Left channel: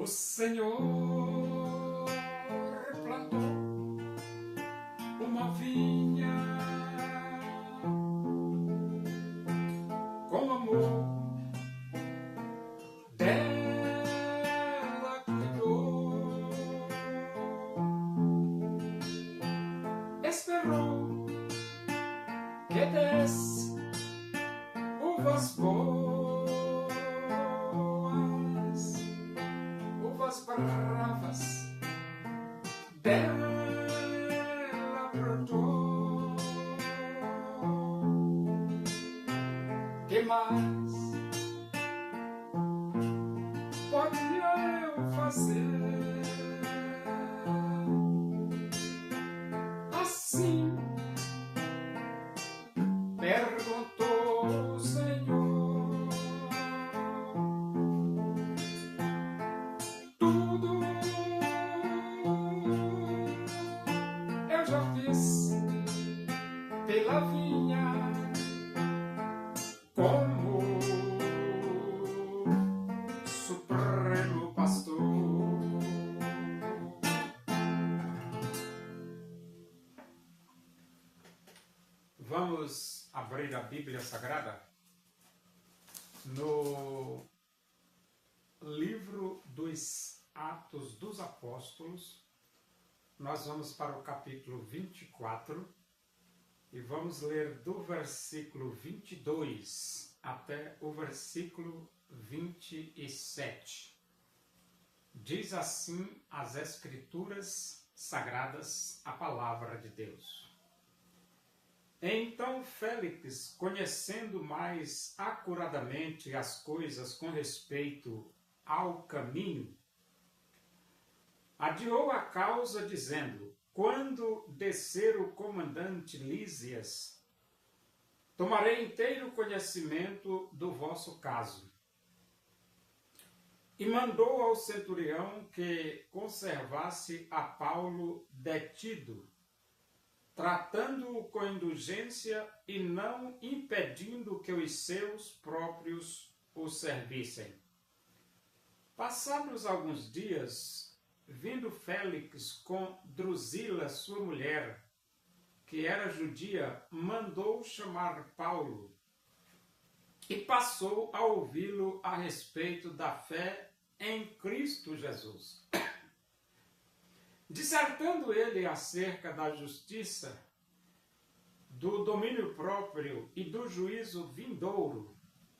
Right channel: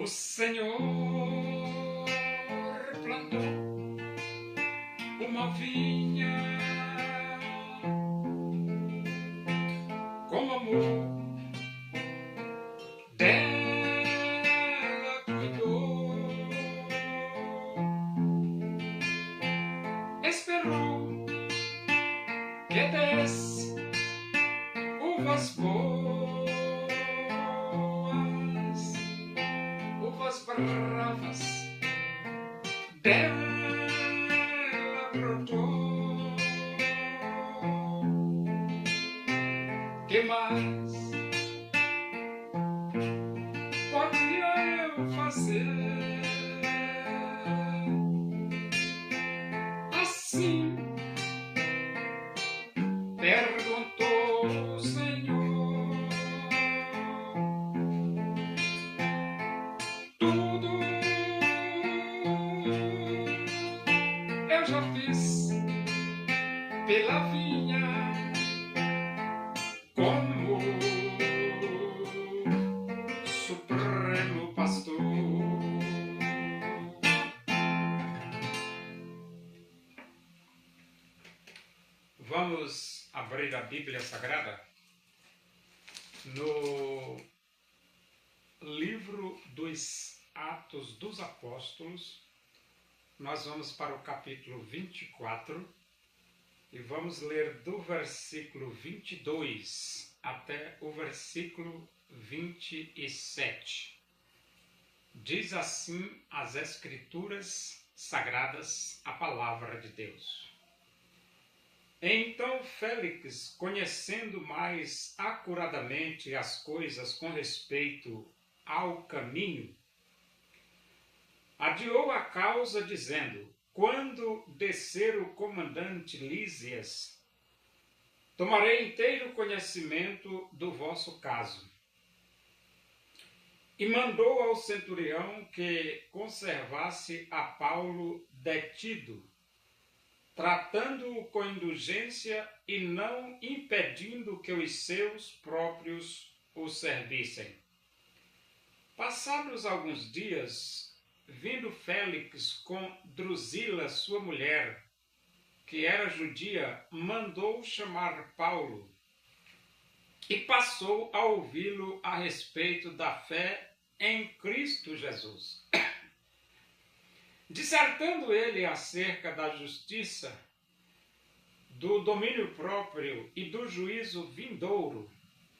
O Senhor plantou uma vinha com amor, dela cuidou, esperou que desse uvas boas, uvas bravas, dela brotou. Que mais podia eu fazer? Assim perguntou o Senhor. Tudo eu já fiz pela vinha, como Supremo Pastor. Vamos abrir a Bíblia Sagrada no livro dos Atos dos Apóstolos. Nós vamos para o capítulo 24 e vamos ler do versículo 22 até o versículo 27. Diz assim as Escrituras Sagradas, a palavra de Deus. Então Félix, conhecendo mais acuradamente as coisas com respeito ao caminho, adiou a causa, dizendo: quando descer o comandante Lísias, tomarei inteiro conhecimento do vosso caso. E mandou ao centurião que conservasse a Paulo detido, tratando-o com indulgência e não impedindo que os seus próprios o servissem. Passados alguns dias, vindo Félix com Drusila, sua mulher, que era judia, mandou chamar Paulo e passou a ouvi-lo a respeito da fé em Cristo Jesus. Dissertando ele acerca da justiça, do domínio próprio e do juízo vindouro,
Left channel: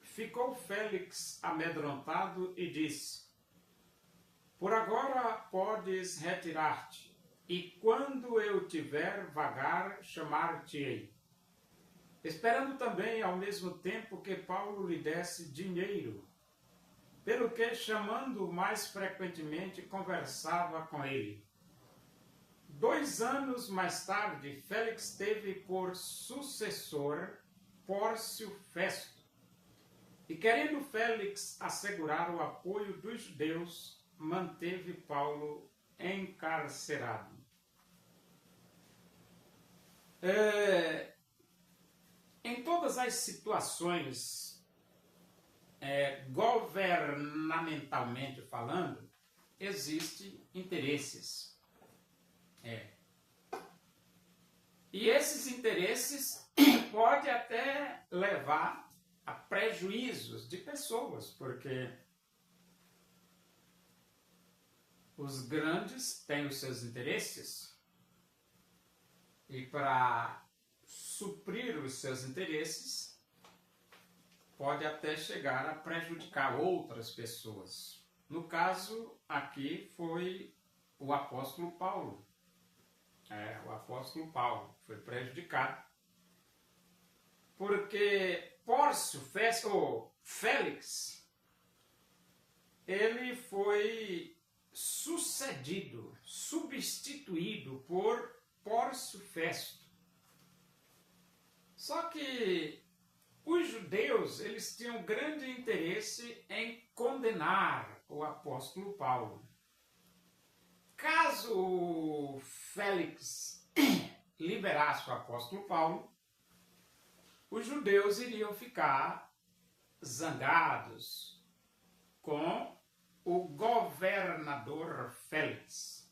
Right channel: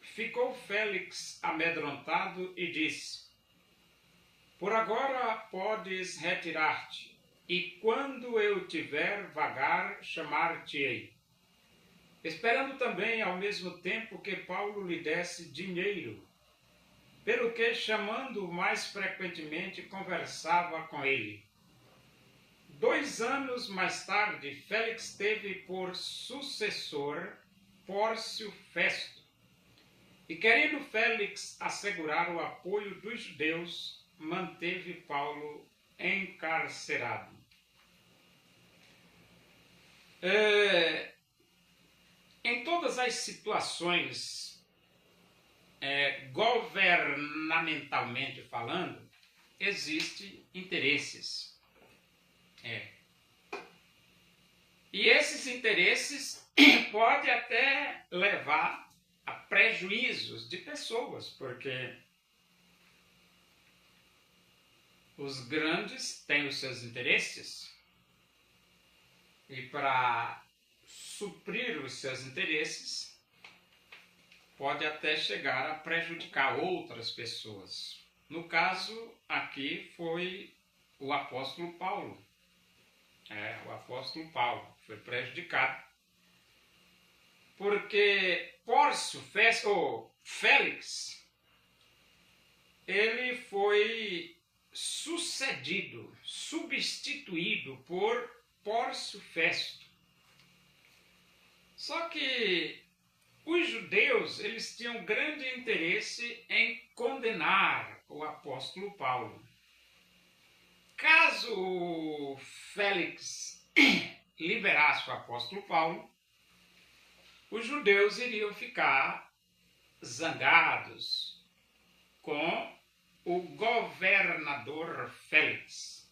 ficou Félix amedrontado e disse: por agora podes retirar-te, e quando eu tiver vagar, chamar-te-ei. Esperando também ao mesmo tempo que Paulo lhe desse dinheiro, pelo que, chamando-o mais frequentemente, conversava com ele. 2 anos mais tarde, Félix teve por sucessor Pórcio Festo, e querendo Félix assegurar o apoio dos judeus, manteve Paulo encarcerado. Em todas as situações, governamentalmente falando, existem interesses. E esses interesses podem até levar a prejuízos de pessoas, porque os grandes têm os seus interesses e para suprir os seus interesses pode até chegar a prejudicar outras pessoas. No caso aqui foi o apóstolo Paulo. O apóstolo Paulo foi prejudicado porque Pórcio Félix, ele foi substituído por Pórcio Festo. Só que os judeus, eles tinham grande interesse em condenar o apóstolo Paulo. Caso Félix liberasse o apóstolo Paulo, os judeus iriam ficar zangados com o governador Félix.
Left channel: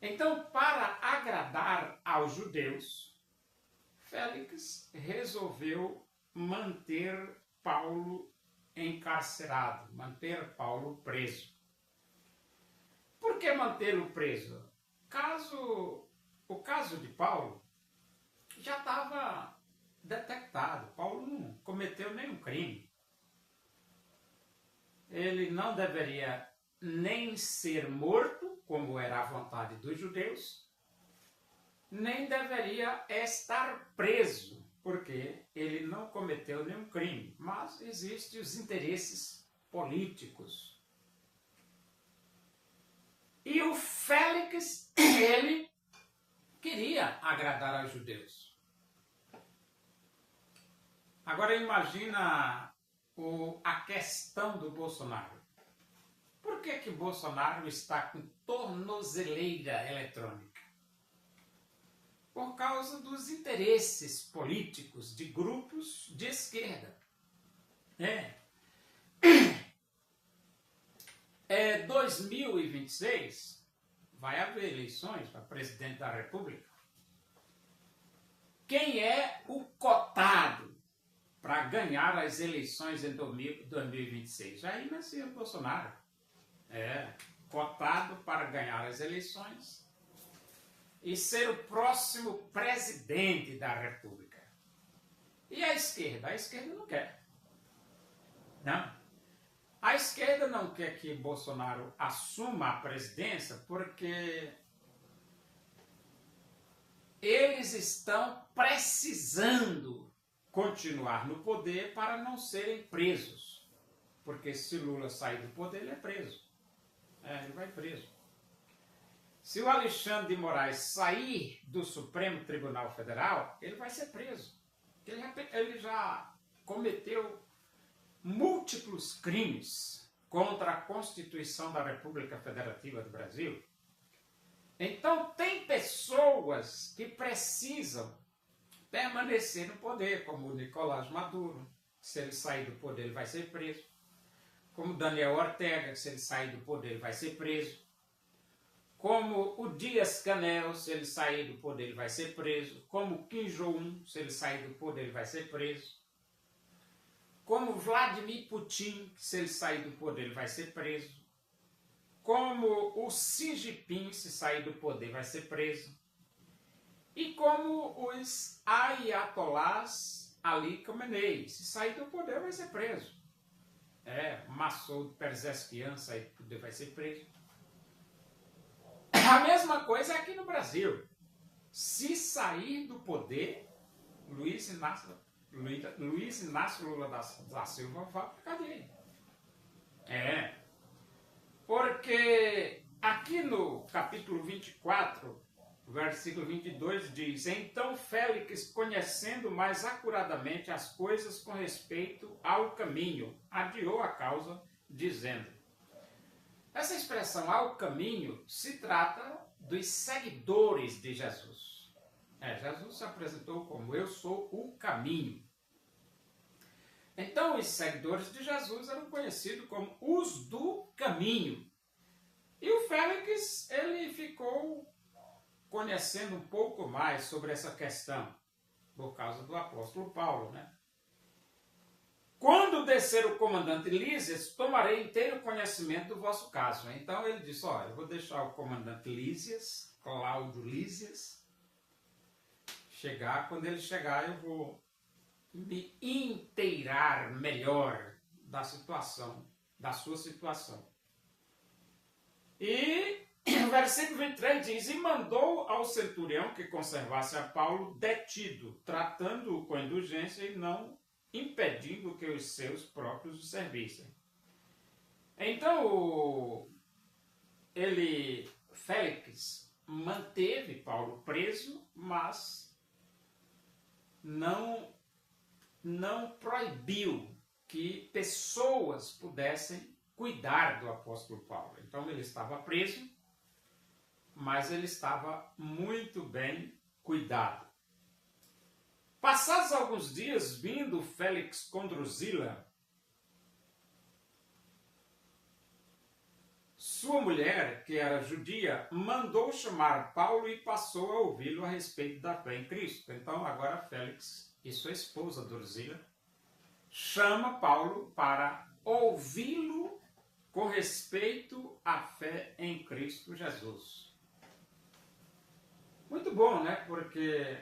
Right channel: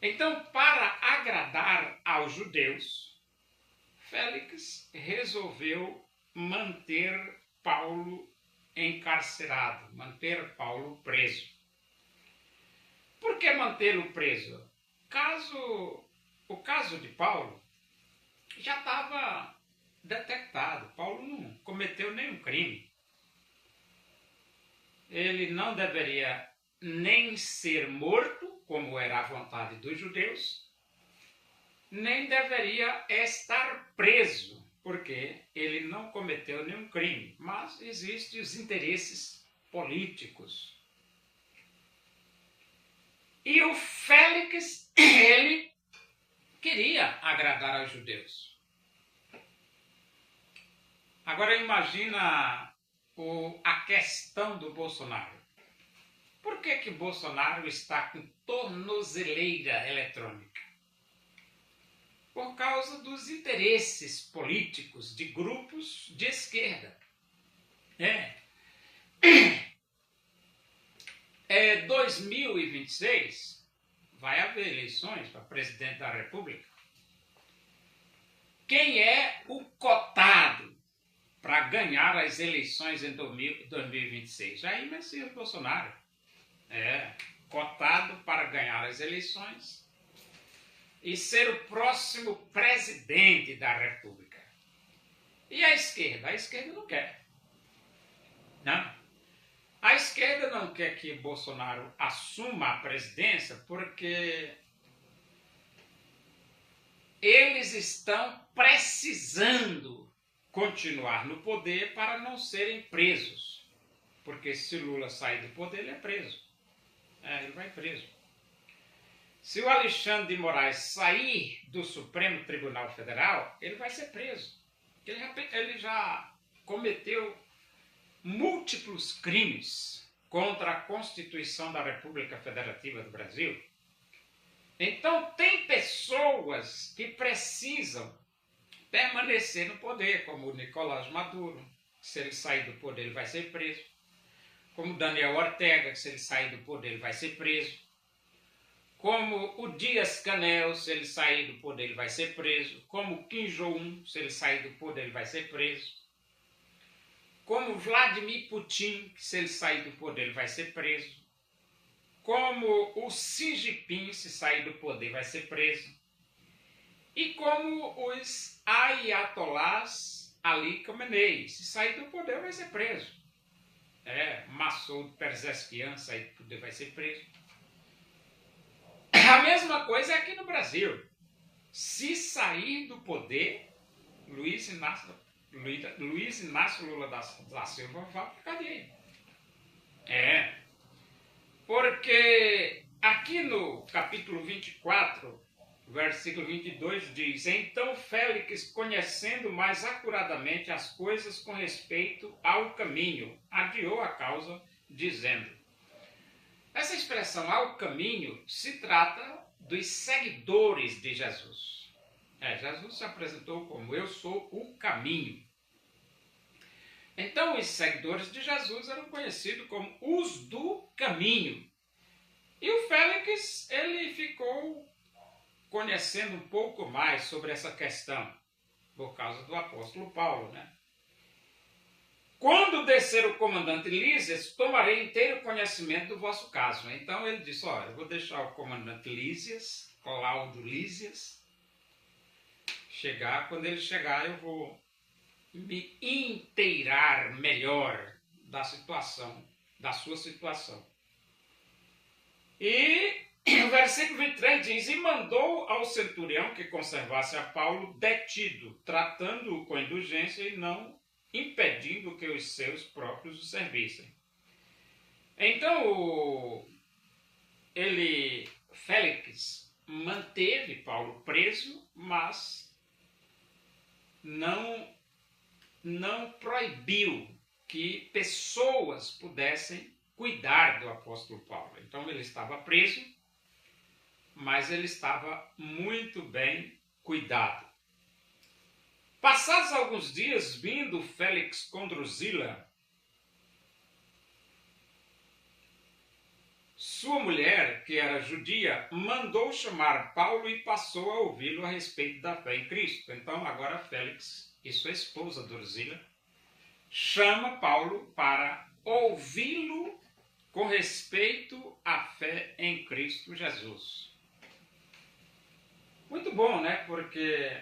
Então, para agradar aos judeus, Félix resolveu manter Paulo encarcerado, manter Paulo preso. Por que mantê-lo preso? O caso de Paulo já estava detectado. Paulo não cometeu nenhum crime. Ele não deveria nem ser morto, como era a vontade dos judeus, nem deveria estar preso, porque ele não cometeu nenhum crime. Mas existem os interesses políticos. E o Félix, ele queria agradar aos judeus. Agora imagina a questão do Bolsonaro. Por que Bolsonaro está com tornozeleira eletrônica? Por causa dos interesses políticos de grupos de esquerda. 2026 vai haver eleições para presidente da República. Quem é o cotado para ganhar as eleições em 2026? Jair Messias Bolsonaro. Cotado para ganhar as eleições e ser o próximo presidente da República. E a esquerda? A esquerda não quer. Não. A esquerda não quer que Bolsonaro assuma a presidência porque eles estão precisando continuar no poder para não serem presos. Porque se Lula sair do poder, ele é preso. Ele vai preso. Se o Alexandre de Moraes sair do Supremo Tribunal Federal, ele vai ser preso. Ele já cometeu múltiplos crimes contra a Constituição da República Federativa do Brasil. Então, tem pessoas que precisam permanecer no poder, como o Nicolás Maduro, que se ele sair do poder ele vai ser preso. Como Daniel Ortega, que se ele sair do poder ele vai ser preso. Como o Dias-Canel, se ele sair do poder ele vai ser preso. Como Kim Jong-un, se ele sair do poder ele vai ser preso. Como Vladimir Putin, que se ele sair do poder ele vai ser preso. Como o Xi Jinping, se sair do poder vai ser preso. E como os Ayatollahs Ali Khamenei, se sair do poder vai ser preso. Massoud Pezeshkian, sair do poder vai ser preso. A mesma coisa é aqui no Brasil. Se sair do poder, Luiz Inácio Lula da Silva vai para cadeia. Porque aqui no capítulo 24, versículo 22 diz: Então Félix, conhecendo mais acuradamente as coisas com respeito ao caminho, adiou a causa, dizendo. Essa expressão ao caminho se trata dos seguidores de Jesus. Jesus se apresentou como eu sou o caminho. Então os seguidores de Jesus eram conhecidos como os do caminho. E o Félix, ele ficou conhecendo um pouco mais sobre essa questão, por causa do apóstolo Paulo, Quando descer o comandante Lísias, tomarei inteiro conhecimento do vosso caso. Então ele disse, eu vou deixar o comandante Lísias, Cláudio Lísias, chegar. Quando ele chegar, eu vou me inteirar melhor da situação, da sua situação. E o versículo 23 diz, e mandou ao centurião que conservasse a Paulo detido, tratando-o com indulgência e não impedindo que os seus próprios o servissem. Então, Félix, manteve Paulo preso, mas não proibiu que pessoas pudessem cuidar do apóstolo Paulo. Então, ele estava preso, mas ele estava muito bem cuidado. Passados alguns dias, vindo Félix com Drusila, sua mulher, que era judia, mandou chamar Paulo e passou a ouvi-lo a respeito da fé em Cristo. Então, agora Félix e sua esposa Drusila chama Paulo para ouvi-lo com respeito à fé em Cristo Jesus. Muito bom, né? Porque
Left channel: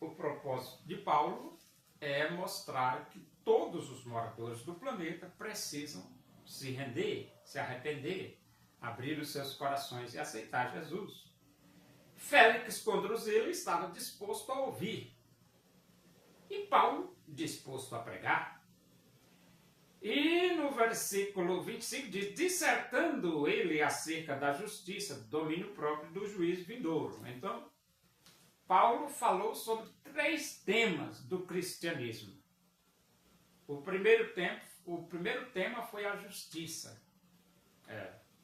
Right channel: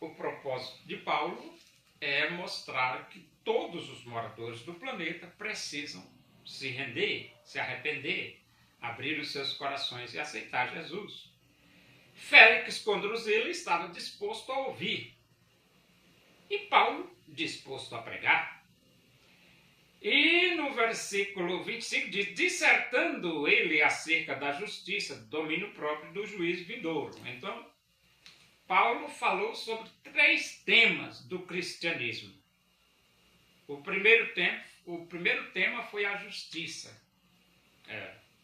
o propósito de Paulo é mostrar que todos os moradores do planeta precisam se render, se arrepender, abrir os seus corações e aceitar Jesus. Félix com Drusila estava disposto a ouvir e Paulo disposto a pregar. E no versículo 25 diz, dissertando ele acerca da justiça, do domínio próprio do juízo vindouro. Então, Paulo falou sobre 3 temas do cristianismo. O primeiro tema foi a justiça.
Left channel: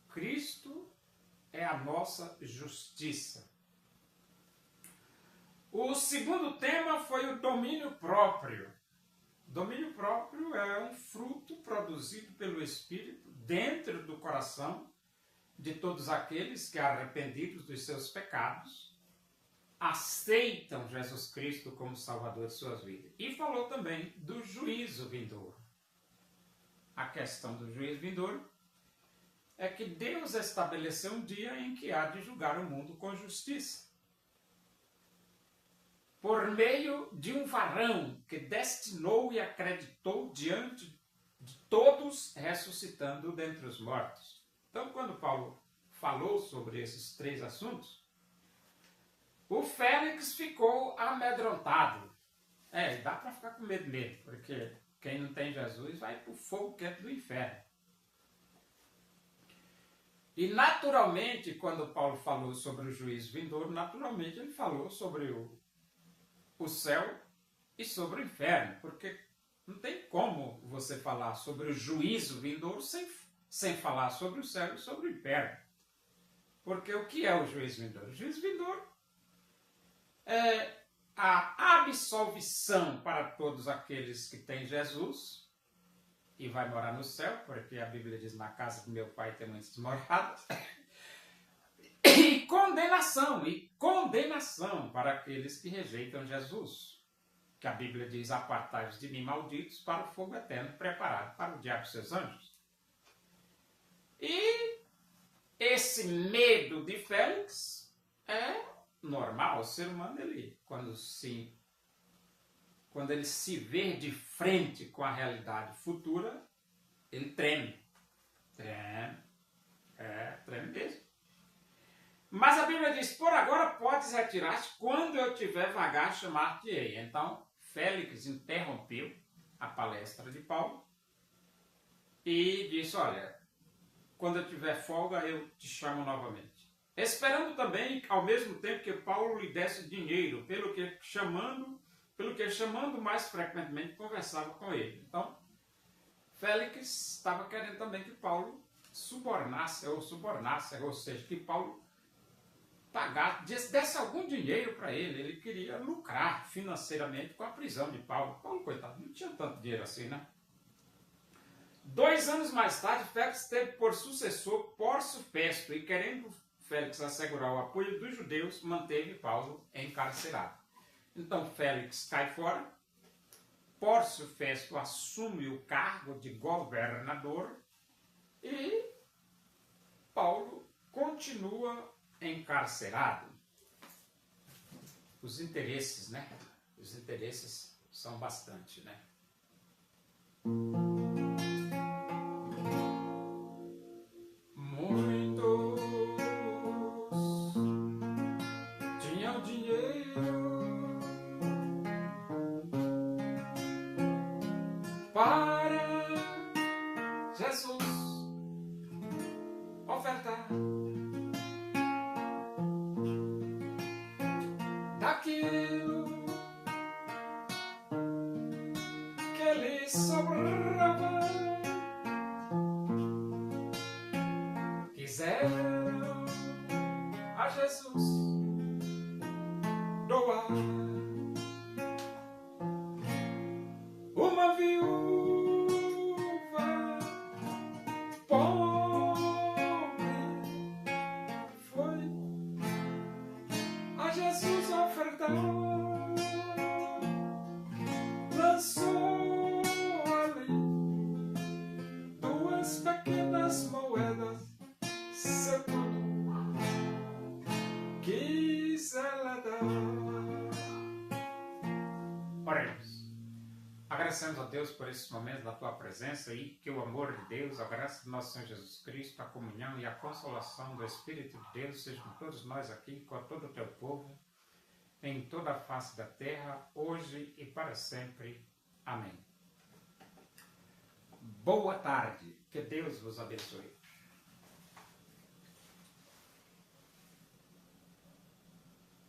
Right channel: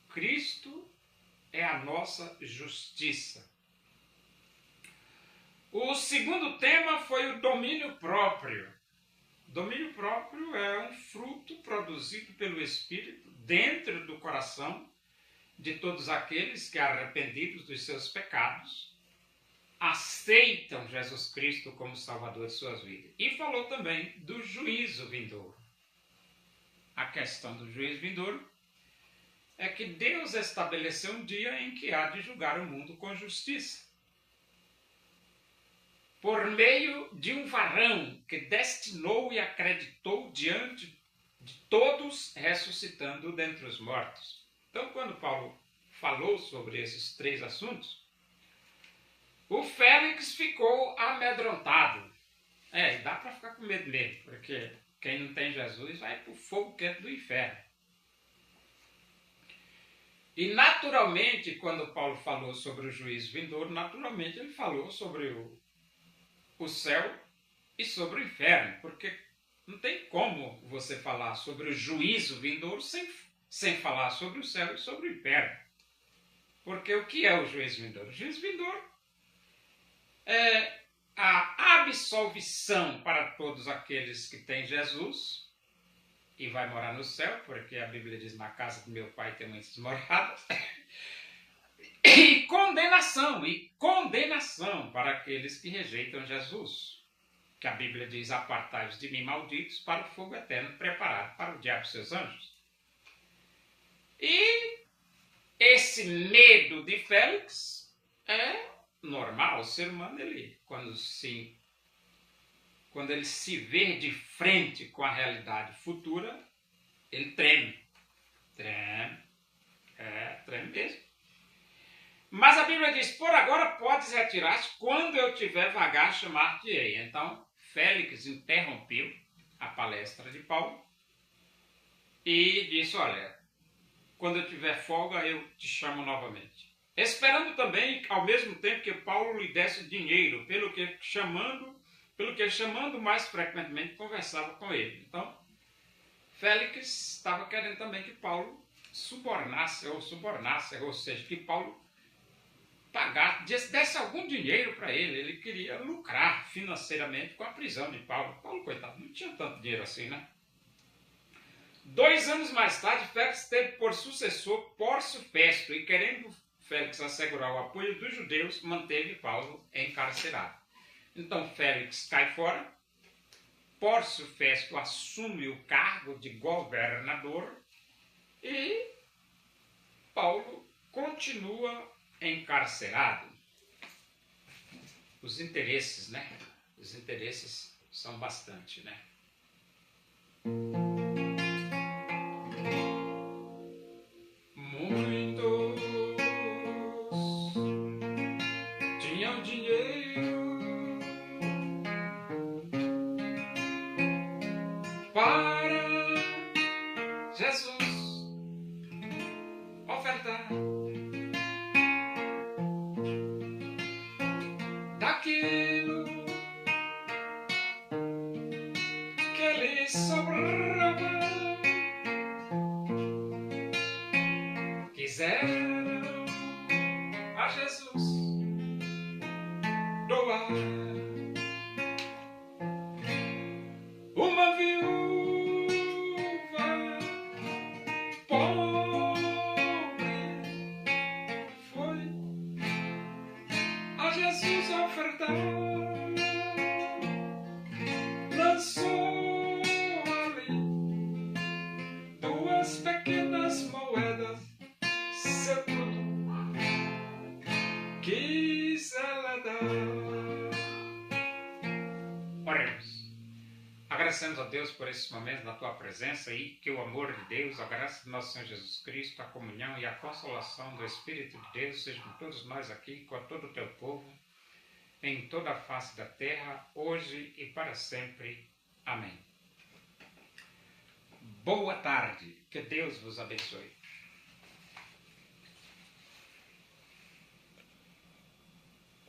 Cristo é a nossa justiça. O segundo tema foi o domínio próprio. Domínio próprio é um fruto produzido pelo Espírito dentro do coração de todos aqueles que, arrependidos dos seus pecados, aceitam Jesus Cristo como Salvador de suas vidas. E falou também do juízo vindouro. A questão do juízo vindouro é que Deus estabeleceu um dia em que há de julgar o mundo com justiça. Por meio de um varão que destinou e acreditou diante de todos, ressuscitando dentre os mortos. Então, quando Paulo falou sobre esses 3 assuntos, o Félix ficou amedrontado. E dá para ficar com medo mesmo, porque quem não tem Jesus vai para o fogo quente do inferno. E naturalmente, quando Paulo falou sobre o juízo vindouro, naturalmente ele falou sobre o céu e sobre o inferno, porque não tem como você falar sobre o juízo vindouro sem falar sobre o céu e sobre o inferno. Porque o que é o juízo vindouro? O juízo vindouro é a absolvição para todos aqueles que têm Jesus e vai morar no céu, porque a Bíblia diz, na casa do meu pai tem muitas moradas. E condenação para aqueles que rejeitam Jesus. Que a Bíblia diz, apartai-vos de mim, malditos, para o fogo eterno preparado para o diabo e seus anjos. E esse medo de Félix é normal. O ser humano, quando ele se vê de frente com a realidade futura, ele treme. Treme mesmo. Mas a Bíblia diz, por agora podes retirar-te, quando eu tiver vagar, chamar-te-ei. Então, Félix interrompeu a palestra de Paulo e disse, olha, quando eu tiver folga, eu te chamo novamente. Esperando também, ao mesmo tempo, que Paulo lhe desse dinheiro, pelo que chamando mais frequentemente, conversava com ele. Então, Félix estava querendo também que Paulo subornasse, ou seja, que Paulo desse algum dinheiro para ele. Ele queria lucrar financeiramente com a prisão de Paulo. Paulo, coitado, não tinha tanto dinheiro assim, né? 2 anos mais tarde, Félix teve por sucessor Pórcio Festo e, querendo Félix assegurar o apoio dos judeus, manteve Paulo encarcerado. Então, Félix cai fora, Pórcio Festo assume o cargo de governador e Paulo continua encarcerado. Os interesses, né? Os interesses são bastante, né? Muitos tinham dinheiro para Jesus ofertar. Daquilo que lhe sobrava, quiseram a Jesus doar. Uma viúva pobre Agradecemos a Deus por esses momentos na tua presença e que o amor de Deus, a graça do nosso Senhor Jesus Cristo, a comunhão e a consolação do Espírito de Deus sejam com todos nós aqui, com todo o teu povo, em toda a face da terra, hoje e para sempre. Amém. Boa tarde, que Deus vos abençoe.